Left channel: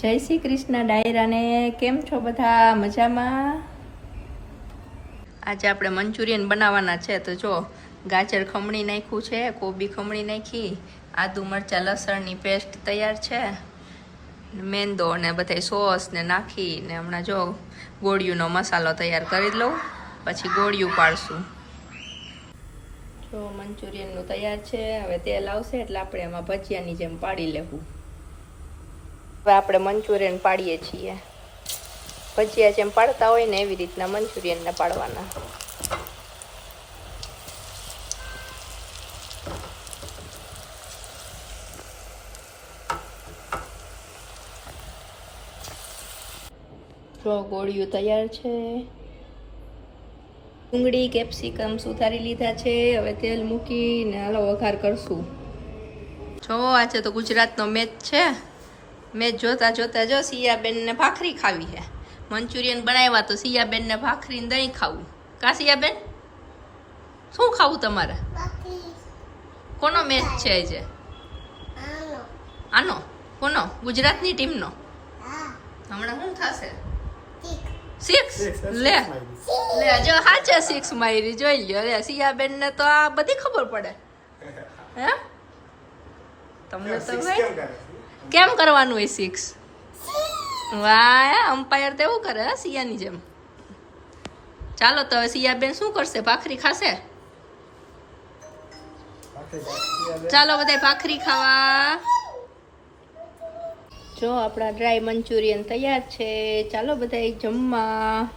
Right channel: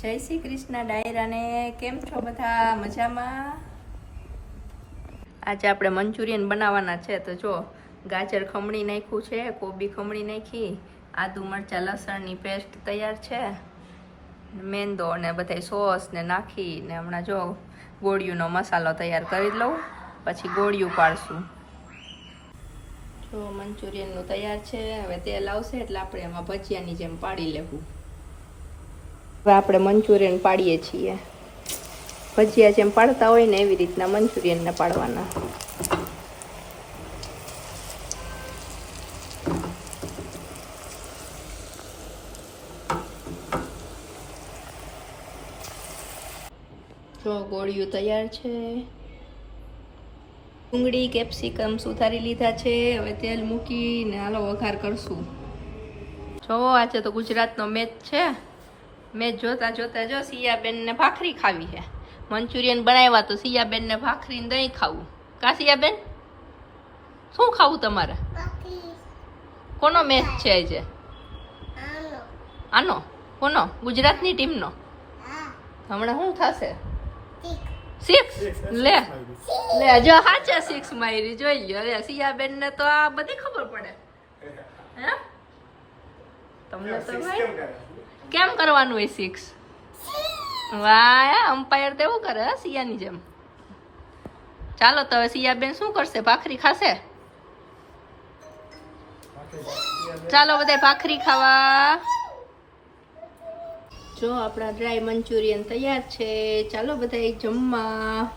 જય શ્રી કૃષ્ણ ડાયરાને. કેમ છો બધા? મજામાં? આજે આપણે મંચુરિયન બનાવવાના છે. તો જો ગાજર ખમણી નાખ્યું છે, કોબી ખમણી નાખી, આદુ મરચાં લસણની પેસ્ટ તૈયાર છે, મેંદો ને બધા સોસ ને નાખી ને હમણાં જો ગોળિયુંનો મસાલો તૈયાર કરી લઉં, પછી ગોળિયું પાડશું. જો મંચુરિયનનું તૈયાર છે. હવે તેલ આવશે એટલે આપણે એમાં ભજીયાની જેમ પાડી લેવું. હવે આપણે મંચુરિયન પાડીએ છીએ. ભજીયા જેમ પાડતા હોય ને એવી રીતના મંચુરિયનને પાડવાના. જો ગોળિયું તૈયાર છે. ડુંગળી કેપ્સિકમ સુધારી લીધા છે. હવે તેલ મૂકીને હાલો વઘાર કરશું. જો આજે તો ગુજરાતનો મેચ છે. મેચ જોતા જોતા જો સિયાબેનને ભાખરી ખાવી છે. મંચુરિયન બનાવ્યા તો સિયાબેનને ભાખરીને દહીં ખાવું. કા સિયાબેન, શું ખાવું તમારે? કોનો મેચ છે આજે? આનો? કોનો? ગુજરાતની ટીમનો? હમણાં શું થશે? 6 લે જો હાચે 6 મારી જોઈ લ્યો. અરે સિયાબેન ને તો આ બધી ખબર પડે. હે તમને તો ભાઈ કેમ કરવાનું હોય 6? વાહ, અમ્પાયર તો એવું કરે હે સિયાની જેમ. ચાલો તો હવે સિયાબેન શું કરશે? ભાખરી ખાશે? ચાલો બધા ભાખરી ખાવા. જો આપણા ડ્રાય મંચુરિયન તૈયાર છે. ચાલો બધા જમવા.